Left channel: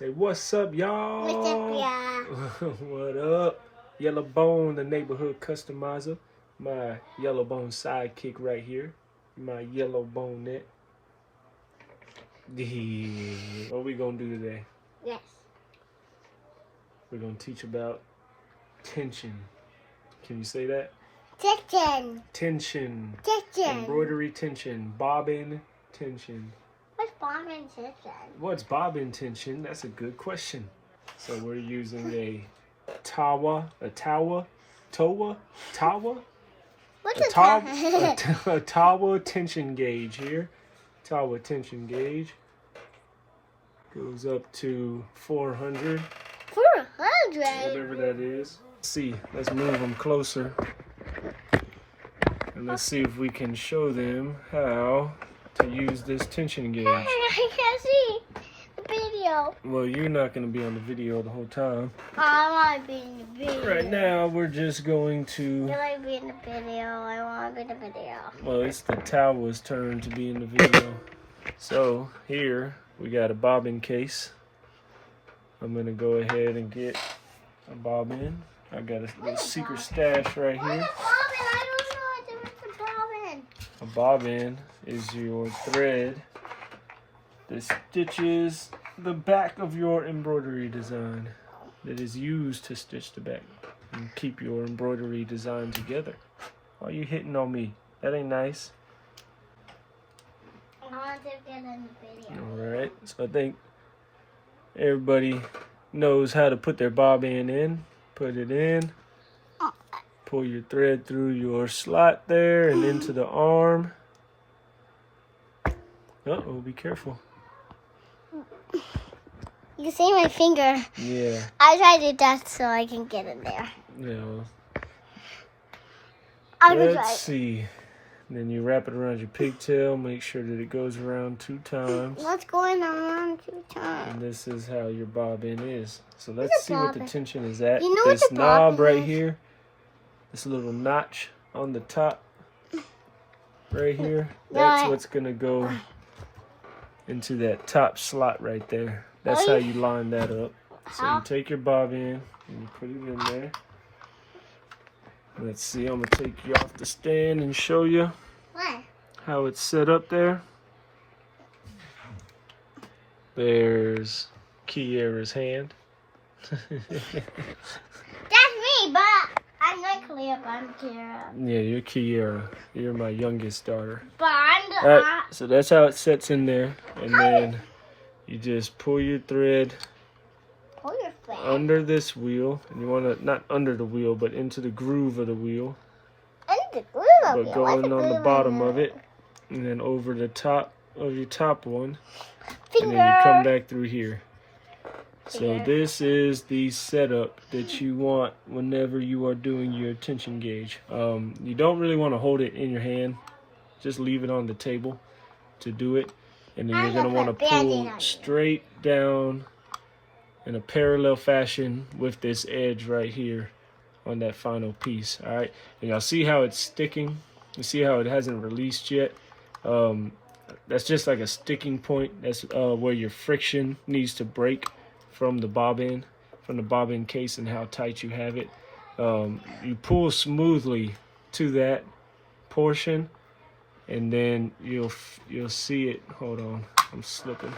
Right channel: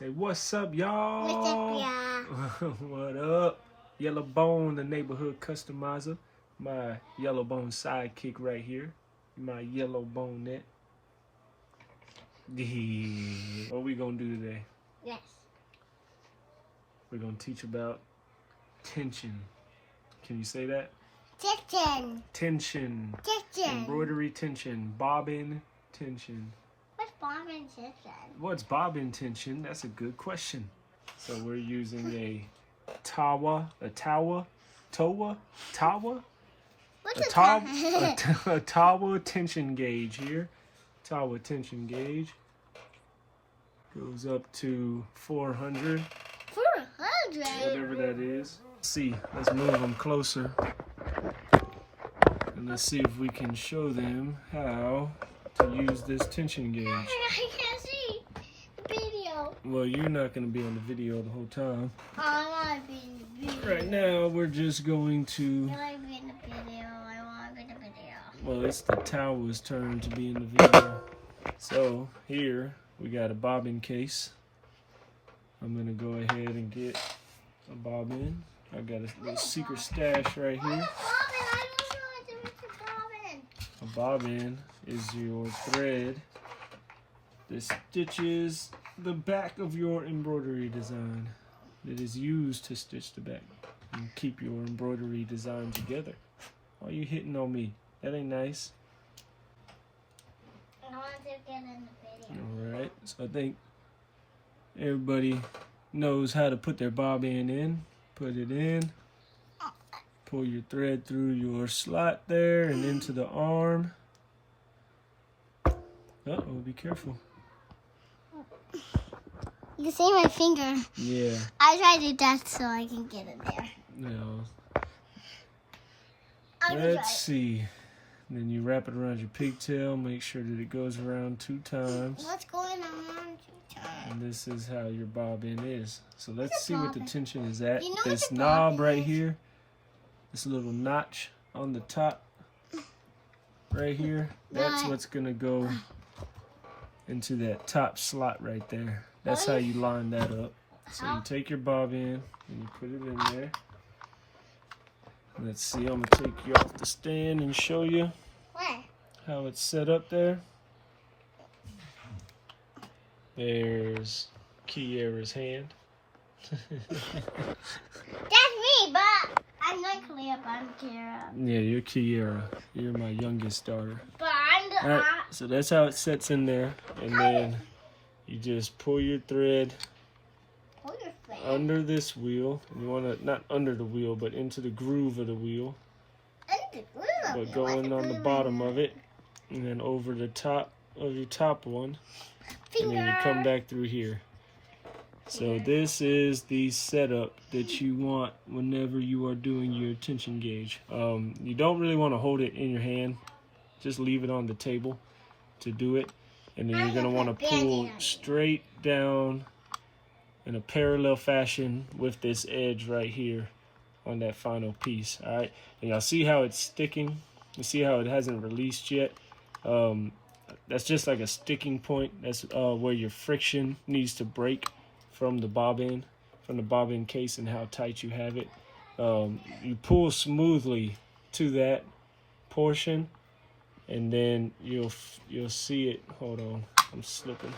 Say, what's up, y'all? What's up, y'all? What up? Yellow Bone, the neighborhood customizer. My Yellow Bone sidekick right here. My Yellow Bone net. What we gonna do today? Yes. We're gonna teach about tension. Can you say that? Tension. Tension. Tension. Embroidery tension. Bobbin tension. What's bobbin tension? What's bobbin tension? That's a good question. So we're using a Towa tension gauge here. Towa tension gauge goes up to 400. 400. Whatever that is. See, let's move them closer, and let's see if we can show them how to use this tension gauge. I can't see the video. Well, you're not going to be on the video the whole time. I want to be in the video. Right now, we're just going to... I want to be in the video. I want to be in the video. Well, it's the Towa's turn to be in the video. So, here, we got a bobbin case. I'm going to go ahead and get a bobbin. I got a little secret stash right here. What's a bobbin? I don't know what's a bobbin. A bobbin is your thread that stitches the back of your embroidery design, that is used to stitch the back and keep your embroidery design together. Why are you hitting on me? That ain't nice. I want to get in the video. Alright, so I think everybody knows how to put their bobbin in. Put it in. Pull your thread through your slot there and into the arm. Uh-oh, be careful. You can see my finger. Yeah. I tried to do that so I can get in there. Yeah. I'm gonna try Let's it. see. Then you wrap it around your pigtail. Make sure that it goes around 2 times. What's going on 2 times? And this is how your bobbin is. So let's see what the bobbin? tension is at. You know what This the knob bobbin right is? here. This little notch on the top. Right here. That's what's going to go into that top slot right there. That's how you line that up. So you take your bobbin and you put it in there. Let's see, I'm going to take you off the stand and show you What? how it's set up there. There's Kiera's hand. That's me, but I'm not Cleo, but I'm Kira. Yeah, you're Kiera. You're my youngest daughter. But I'm the Alright, so that's how it sets in there. And then you just pull your thread pull your thread. under this wheel. And you want to, not under the wheel, but into the groove of the wheel. And the glue of But it. What's going the on glue the bottom in of it. And then over the top of your top one. Finger. And then you come back through here. So Finger. this is the setup that you want whenever you are doing your tension gauge. You don't really want to hold it in your hand. Just leave it on the table to do it. And then you're going to want to pull straight down in a parallel fashion with this edge right here on that final piece. All right. And y'all see how it's sticking? You see how it hasn't released yet? That's just like a sticking point. That's where your friction needs to break from the bobbin case and how tight you have it. You pull smoothly to that portion, and then you'll see it. Hold on, I'm slipping.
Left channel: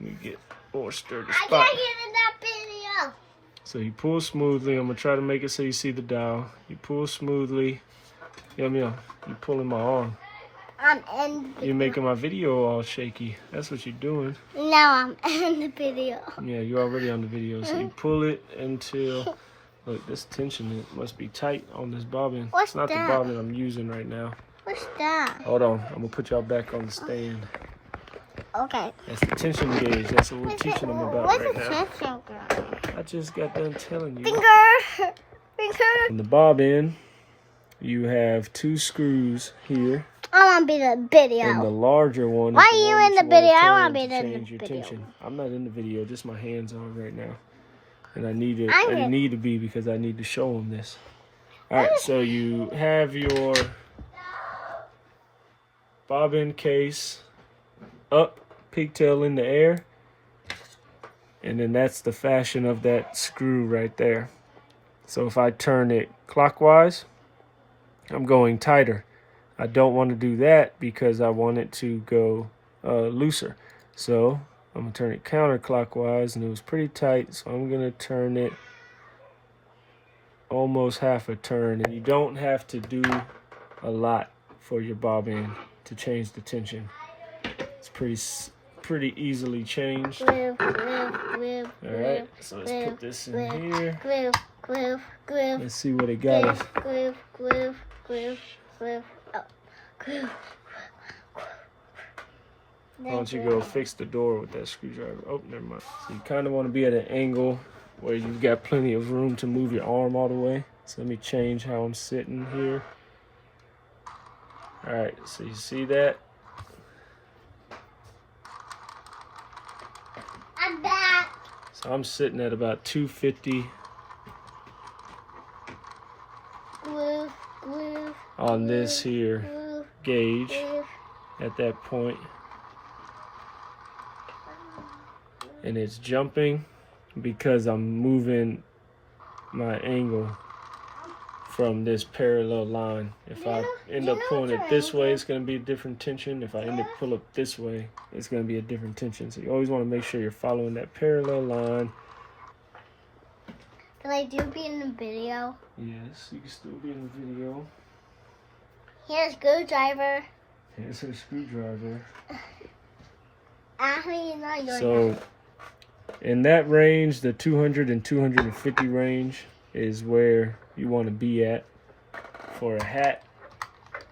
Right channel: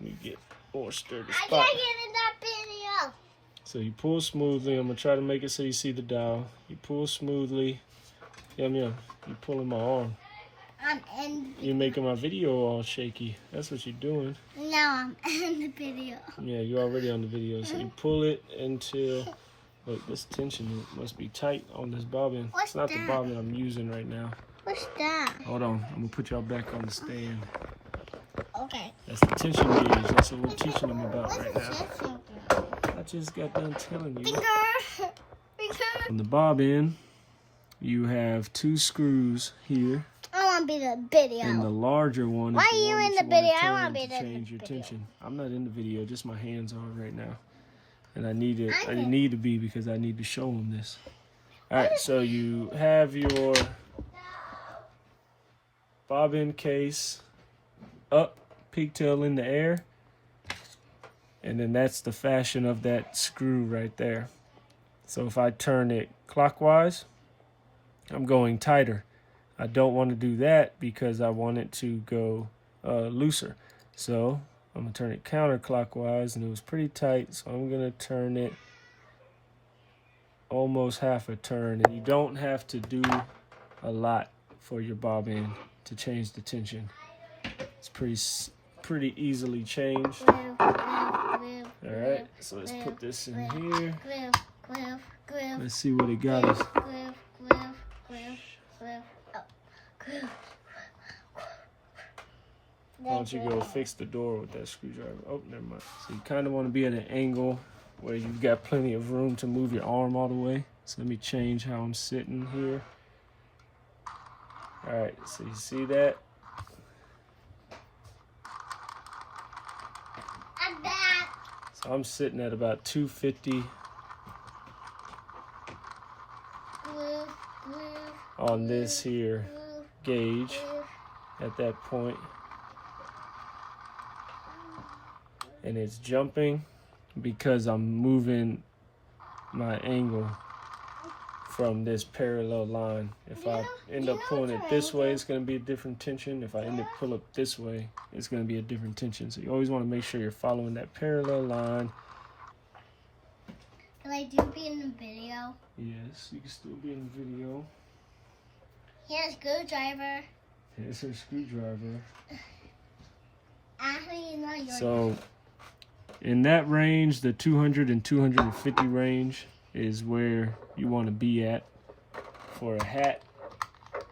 Let me get more sturdy I spot. can't get in that video. So you pull smoothly. I'm gonna try to make it so you see the dial. You pull smoothly. You're pulling my arm. I'm in the video. You're making my video all shaky. That's what you're doing. Now I'm in the video. Yeah, you're already on the video. So you pull it until, look, this tension must be tight on this bobbin. What's It's not that? the bobbin I'm using right now. What's that? Hold on, I'm gonna put y'all back on the stand. Okay. That's the tension gauge. That's what we're teaching them about What's right the now. tension gauge? I just got done telling you. Finger. Finger. In the bobbin, you have 2 screws here. I want to be in the video. And the larger one is Why the are you one in that the video? I turn wanna be to in the change your video. tension. I'm not in the video, just my hands are right now. And I need I'm to be because I need to show them this. All right, so you have your bobbin case up, pigtail in the air. And then that's the fashion of that screw right there. So if I turn it clockwise, I'm going tighter. I don't want to do that because I want it to go looser. So I'm going to turn it counterclockwise, and it was pretty tight, so I'm going to turn it almost half a turn. And you don't have to do a lot for your bobbin to change the tension. It's pretty easily changed. Glue, Alright, so let's put this in here. glue. Let's see what it got us. Glue. Oh, glue. Why don't you go fix the door with that screwdriver? Oh, never mind. So you kind of want to be at an angle where you've got plenty of room to move your arm all the way. So let me change how I'm sitting here. Alright, so you see that? I'm back. So I'm sitting at about 250 Glue. on this here gauge Glue. at that point. And it's jumping because I'm moving my angle from this parallel line. If I end up pulling it this way, it's going to be a different tension. If I end up pull up this way, it's going to be a different tension. So you always want to make sure you're following that parallel line. Can I do be in the video? Yes, you can still be in the video. Here's screwdriver. Here's a screwdriver. Actually, you're not doing So in that range, the 200 and 250 range is where you want to be at for a hat.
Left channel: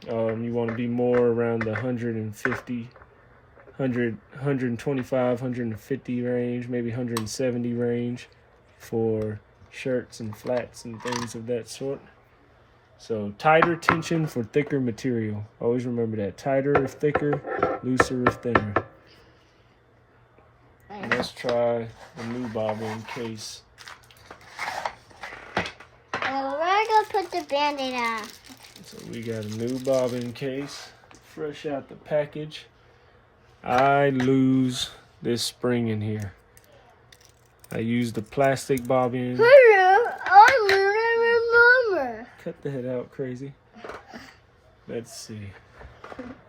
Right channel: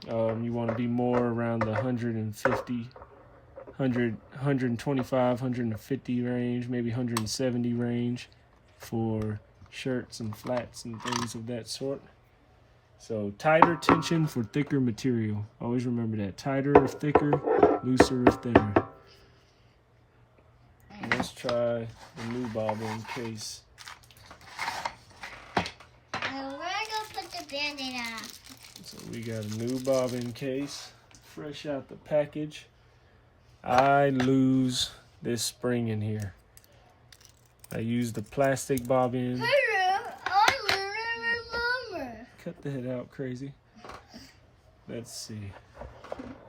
You want to be more around the 150, 125, 150 range, maybe 170 range for shirts and flats and things of that sort. So tighter tension for thicker material. Always remember that. Tighter if thicker, looser if thinner. Let's try the new bobbin case. We're gonna put the band-aid on. So we got a new bobbin case, fresh out the package. I lose this spring in here. I used the plastic bobbin. I remember. Cut the head out, crazy. Let's see.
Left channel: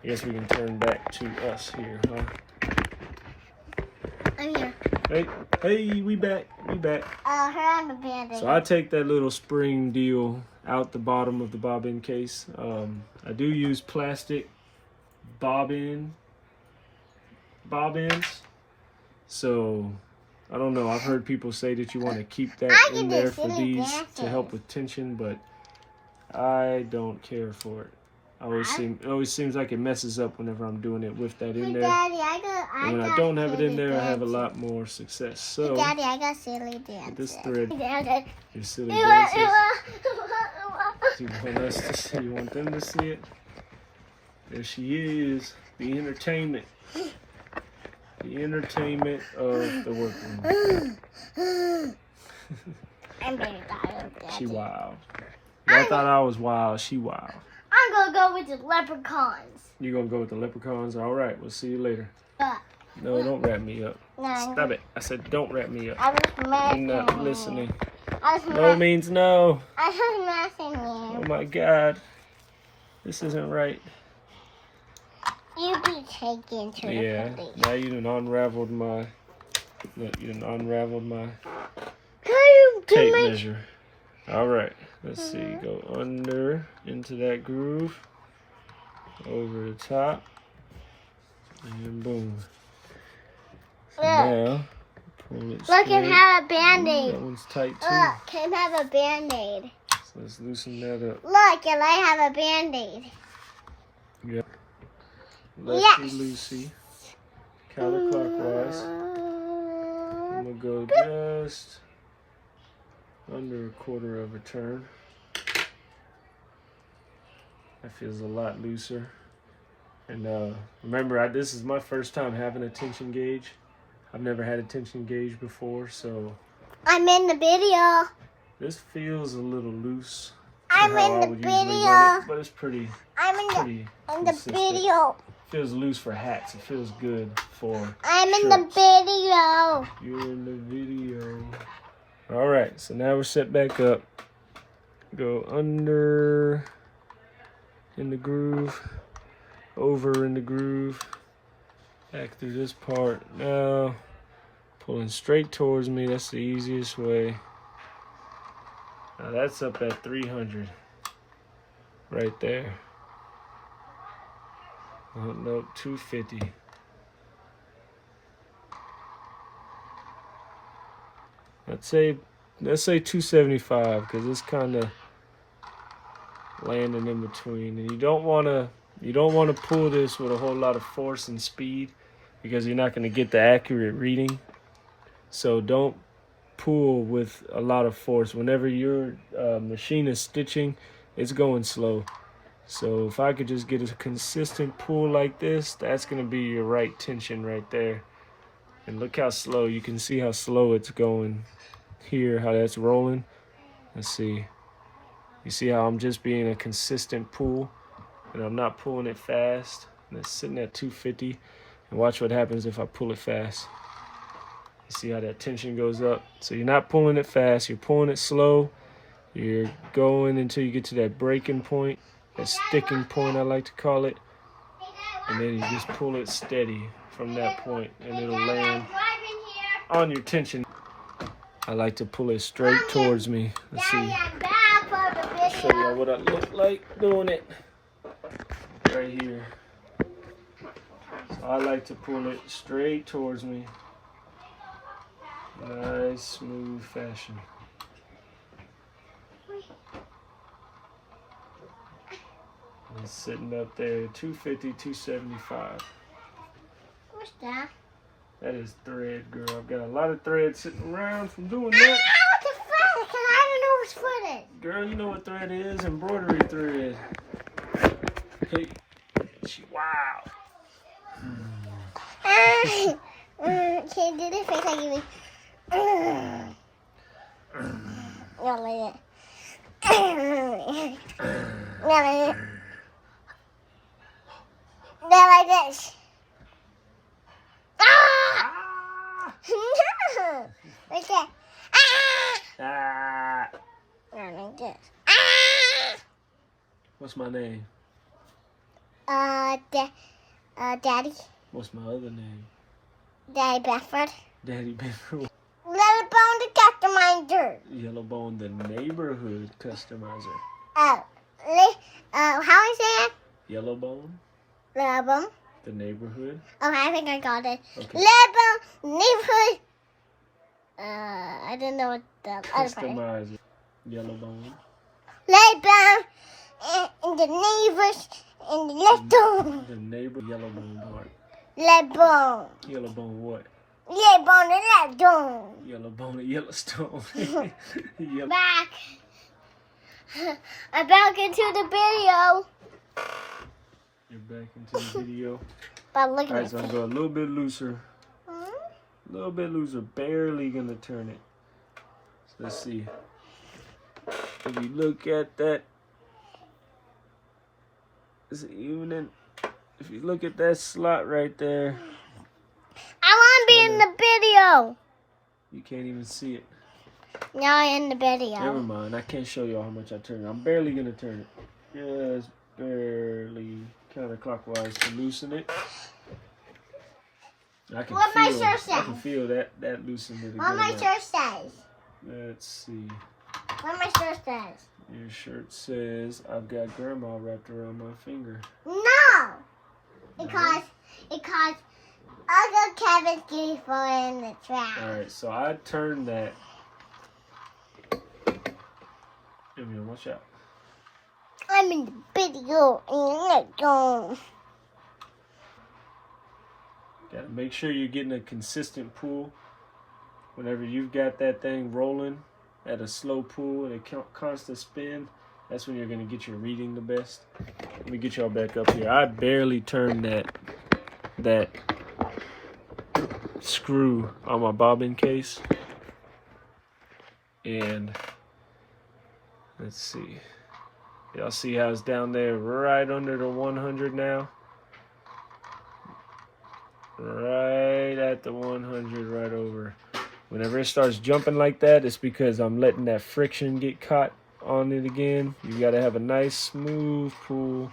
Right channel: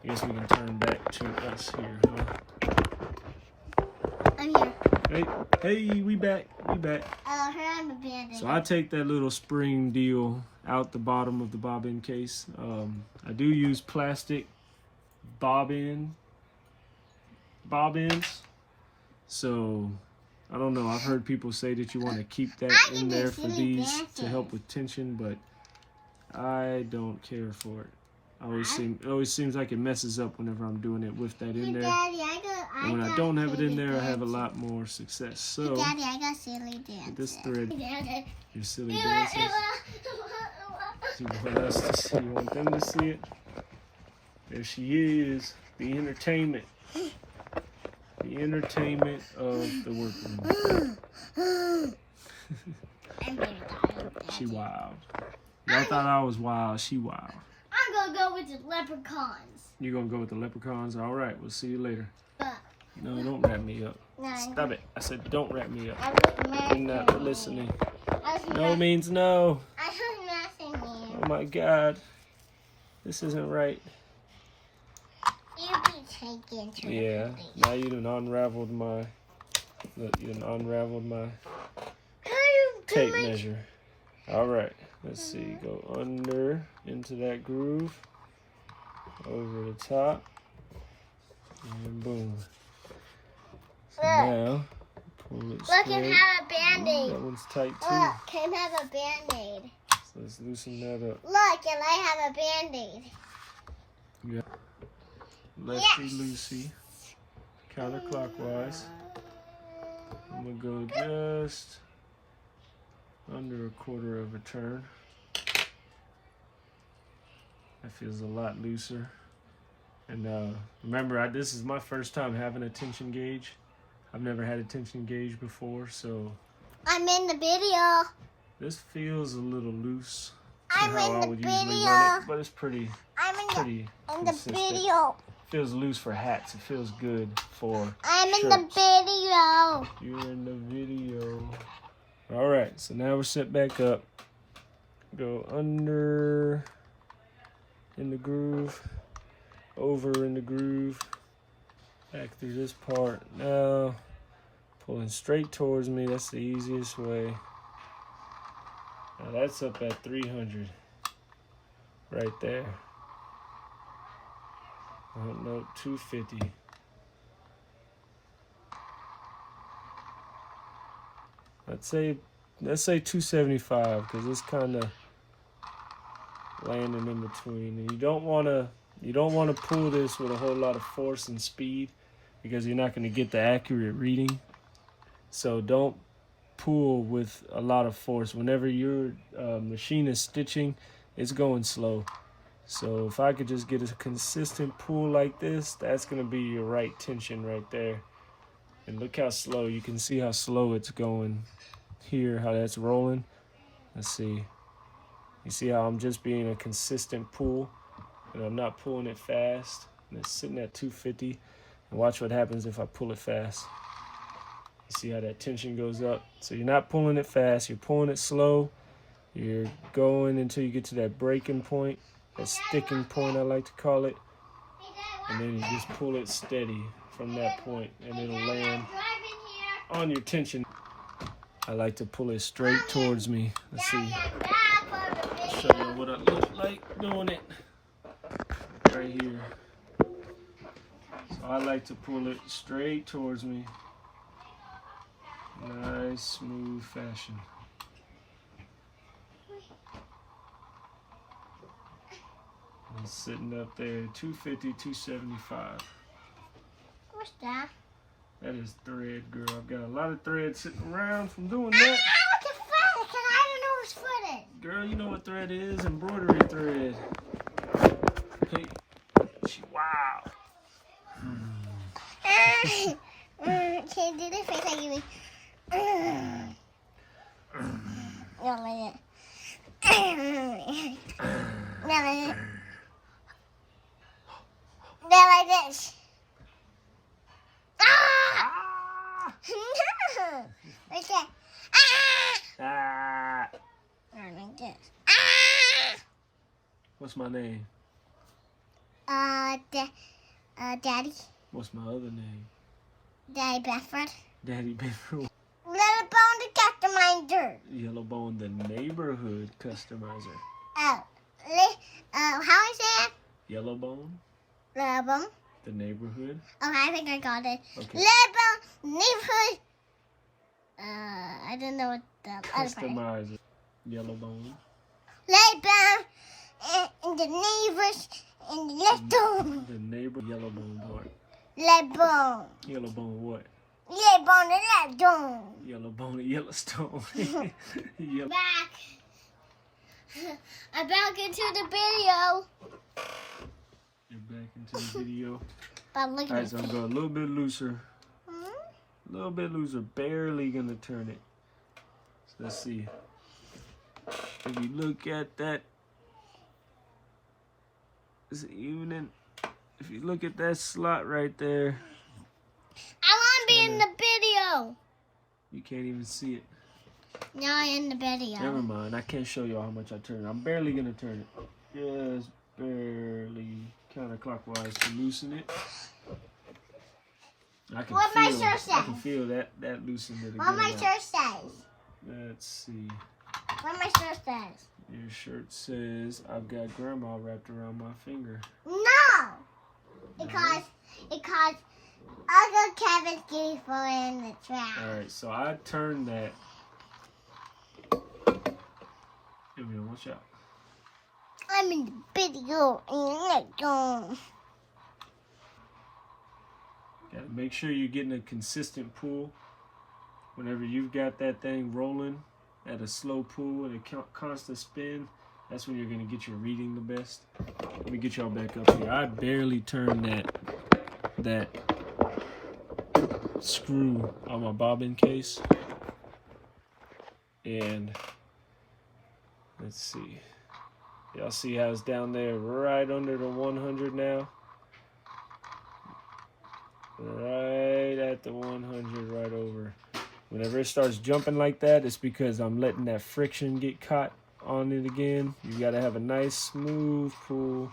I guess we can turn back to us here, huh? I'm here. Hey, we back. Here on the band-aid. So I take that little spring deal out the bottom of the bobbin case. I do use plastic bobbins. So I don't know. I've heard people say that you want to keep that in there for these to help with tension, but I don't care for it. It always seems like it messes up whenever I'm doing it with that in there. Daddy, And when I don't have it in there, I have a lot more success. So, Daddy, I got silly dances. this thread, Daddy. your silly dances. You want us to see? You want them to see it? There she is, the entertainment. The entertainment of the workroom. I'm very tired. She wild. Y'all thought I was wild. She wild. I'm gonna go with the leprechauns. You gonna go with the leprechauns? All right. We'll see you later. No, don't wrap me up. No, Stop it. I said don't wrap me up. I was messing You're not listening. I was No means no. I was messing you. Oh my God. This isn't right. You be taken to the Yeah. police. Now you done unraveled my. Look, you done unraveled my Can you do tape my... measure. All right. Let's see. Go under into that groove. Over the top. And boom. So Look. now, pull it Look, straight. can have a band-aid. That one's tight too. Look, can have a band-aid. So let's loosen that up. Look, and I have a band-aid. Yep. Loosey. Counterclockwise. I'm gonna go just under a quarter of a turn. That feels a lot looser. And remember, this is my first time having a tension gauge. I've never had a tension gauge before, so I'm in the video. this feels a little loose. I'm how in I the would usually video. run it, but it's pretty I'm in consistent. the video. feels loose for hats. It feels good for I'm in shirts. the video. You're in the video. All right, so now we're set back up. Go under in the groove, over in the groove, back through this part. Now, pulling straight towards me. That's the easiest way. Now that's up at 300. Right there. Oh, no, 250. Let's say 275 because it's kind of landing in between. And you don't want to pull this with a whole lot of force and speed because you're not going to get the accurate reading. So don't pull with a lot of force. Whenever your machine is stitching, it's going slow. So if I could just get a consistent pull like this, that's going to be your right tension right there. And look how slow. You can see how slow it's going here, how that's rolling. Let's see. You see how I'm just being a consistent pull and I'm not pulling it fast. And it's sitting at 250. And watch what happens if I pull it fast. You see how that tension goes up? So you're not pulling it fast, you're pulling it slow. You're going until you get to that breaking point. A sticking point, I like to call it, and then you just pull it steady from that point, and it'll land on your tension. I like to pull it straight towards me. Let's see. I'll show you what I look like doing it right here. So I like to pull it straight towards me. Nice, smooth fashion. It's sitting up there, 250, 275. What's that? That is thread, girl. I've got a lot of thread sitting around from doing I that. know what the thread because I don't know what's thread is. Girl, you know what thread is? Embroidery thread. Hey, wow. Can you do this face like you not like that. Not like that. Not like this. Ah! No! Like that. Ah! Ah. Not like this. Ah! What's my name? Daddy. What's my other name? Daddy Bedford. Daddy Bedford. Little Bone the Customizer. Yellowbone, the neighborhood customizer. Oh. How I say it? Yellowbone, Little Bone. the neighborhood. Okay, I think I got it. Okay. Little Bone neighborhood. I didn't know what the other part is. Customizer. Yellowbone. Little Bone in the neighbors in the little The neighbor Yellowbone part. Little Bone. Yellowbone what? Little Bone the little. Yellowbone at Yellowstone. Yellow. Back. I'm back into the video. You're back into the video. But look All right, at so this. I'm going a little bit looser. A little bit looser. Barely gonna turn it. So let's see. If you look at that, it's evening. If you look at that slot right there, I want to be in the video. you can't even see it. Now I'm in the video. Never mind. I can't show y'all how much I turn it. I'm barely gonna turn it. Just barely counterclockwise to loosen it. I can What my feel. shirt I can says. feel that loosened it. What my again. shirt says. Let's see. What my shirt says. Your shirt says, "I've got grandma wrapped around my finger." No. Because Uncle Kevin's getting thrown in the trash. All right, so I turned that. Here, watch out. I'm in the video and you're not going. Gotta make sure you're getting a consistent pull. Whenever you've got that thing rolling at a slow pull and a constant spin, that's when you're gonna get your reading the best. Let me get y'all back up here. I barely turned that screw on my bobbin case. And let's see. Y'all see how it's down there right under the 100 now? right at the 100, right over. Whenever it starts jumping like that, it's because I'm letting that friction get caught on it again. You gotta have a nice smooth pool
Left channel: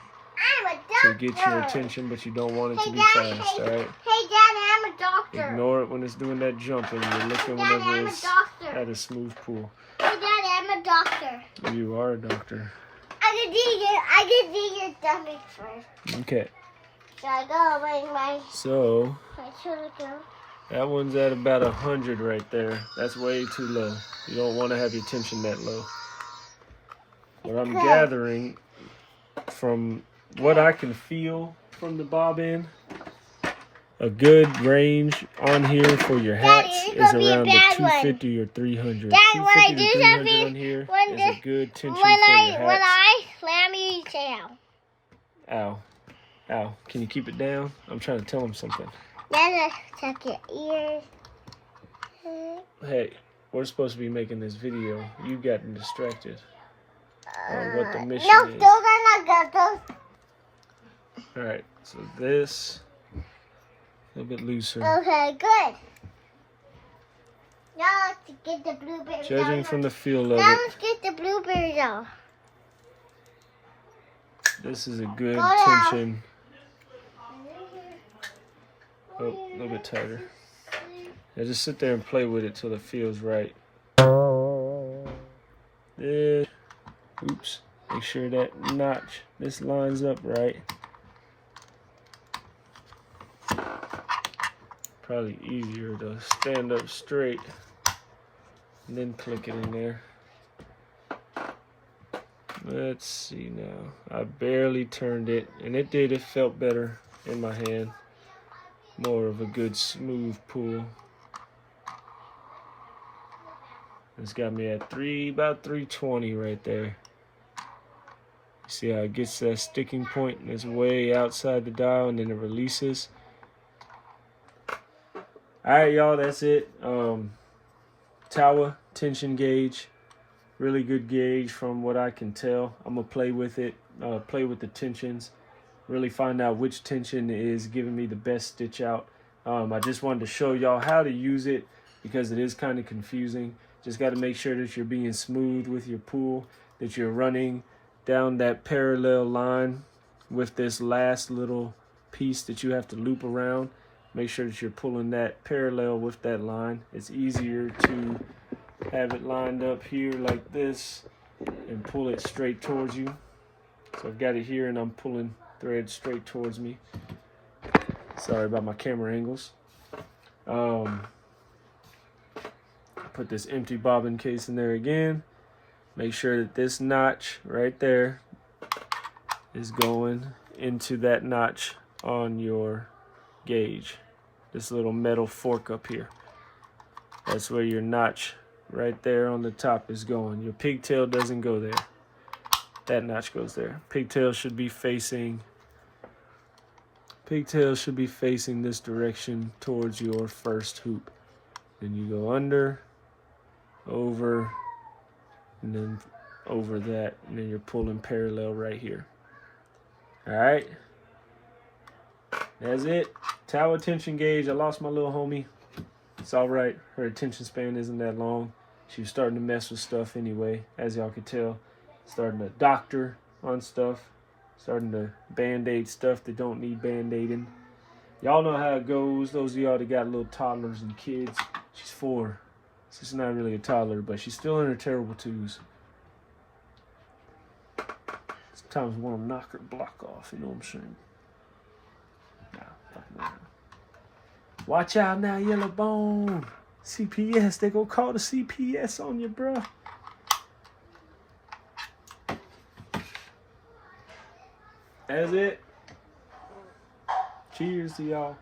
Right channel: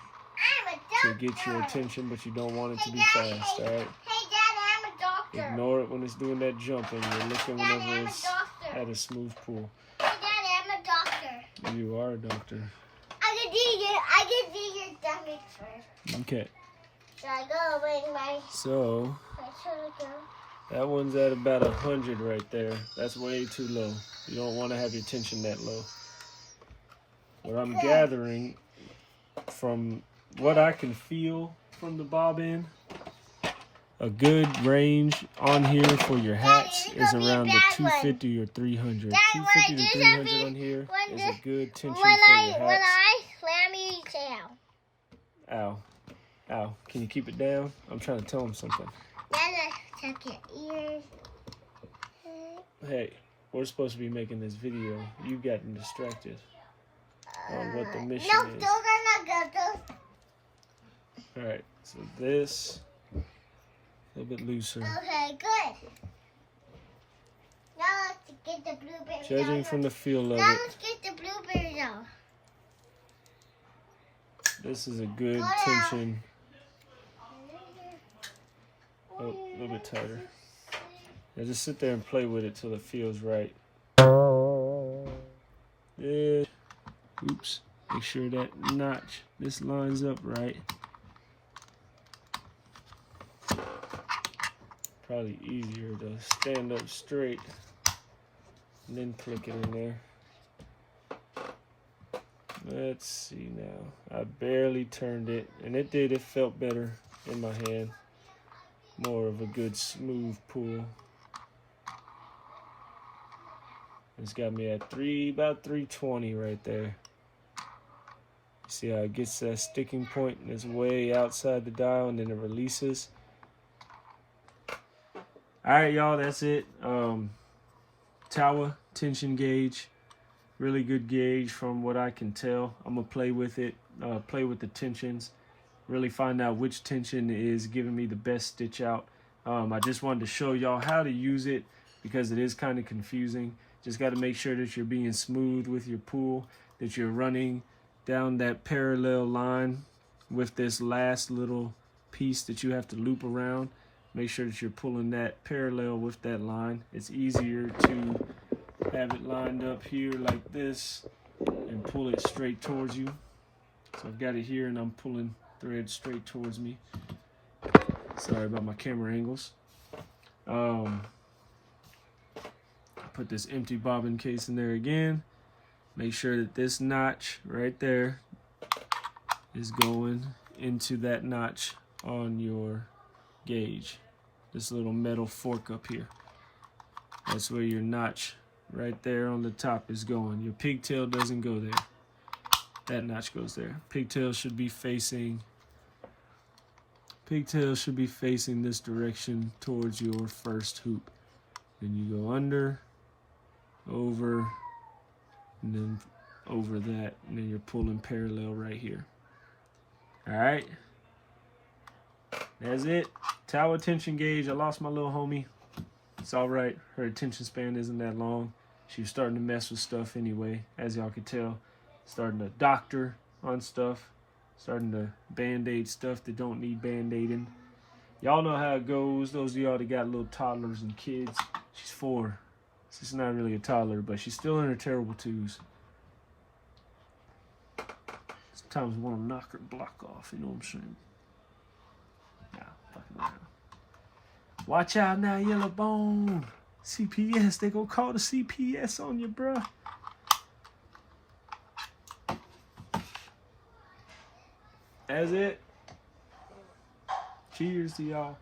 to get your attention, but you don't want it to be fast, alright? Hey, Dad, I'm a doctor. Ignore it when it's doing that jumping. You're looking whenever it's at a smooth pool. Hey, Dad, I'm a doctor. You are a doctor. I can see your stomach first. Okay. Should I go bring my So, sugar go? that one's at about 100 right there. That's way too low. You don't want to have your tension that low. What I'm gathering from what I can feel from the bobbin, a good range on here for your hats is around the 250 or 300. Dad, when I 250 do to 300 something, on here when is a good tension when for your I hats. slam you, say ow. Ow. Ow. Can you keep it down? I'm trying to tell him something. Then I check your ears. Hey, we're supposed to be making this video. You've gotten distracted on what the mission No, is. those are not good. Alright, so this, a little bit looser. Okay, good. Now let's get the blueberries Judging off. from the feel of Now it, let's get the blueberries off. this is a good Go down. tension. Oh, a little bit tighter. Now just sit there and play with it till it feels right. There. Oops. Make sure that notch, this lines up right. Probably easier to stand up straight and then click it in there. Let's see now. I barely turned it, and it did. It felt better in my hand. More of a good smooth pull. It's got me at about 320 right there. You see how it gets that sticking point and it's way outside the dial and then it releases. Alright y'all, that's it. Towa Tension Gauge. Really good gauge from what I can tell. I'm gonna play with it, play with the tensions, really find out which tension is giving me the best stitch out. I just wanted to show y'all how to use it because it is kind of confusing. Just got to make sure that you're being smooth with your pull, that you're running down that parallel line with this last little piece that you have to loop around. Make sure that you're pulling that parallel with that line. It's easier to have it lined up here like this and pull it straight towards you. So I've got it here and I'm pulling thread straight towards me. Sorry about my camera angles. Put this empty bobbin case in there again. Make sure that this notch right there is going into that notch on your gauge. This little metal fork up here. That's where your notch right there on the top is going. Your pigtail doesn't go there. That notch goes there. Pigtail should be facing this direction towards your first hoop. Then you go under, over, and then over that, and then you're pulling parallel right here. Alright, that's it. Towa Tension Gauge. I lost my little homie. It's alright, her attention span isn't that long. She was starting to mess with stuff anyway, as y'all could tell. Starting to doctor on stuff, starting to band-aid stuff that don't need band-aiding. Y'all know how it goes. Those of y'all that got little toddlers and kids. She's 4. She's not really a toddler, but she's still in her terrible twos. Sometimes I want to knock her block off, you know what I'm saying? Nah, fucking around. Watch out now, Yellow Bone. CPS, they gonna call the CPS on you, bruh. That's it. Cheers to y'all.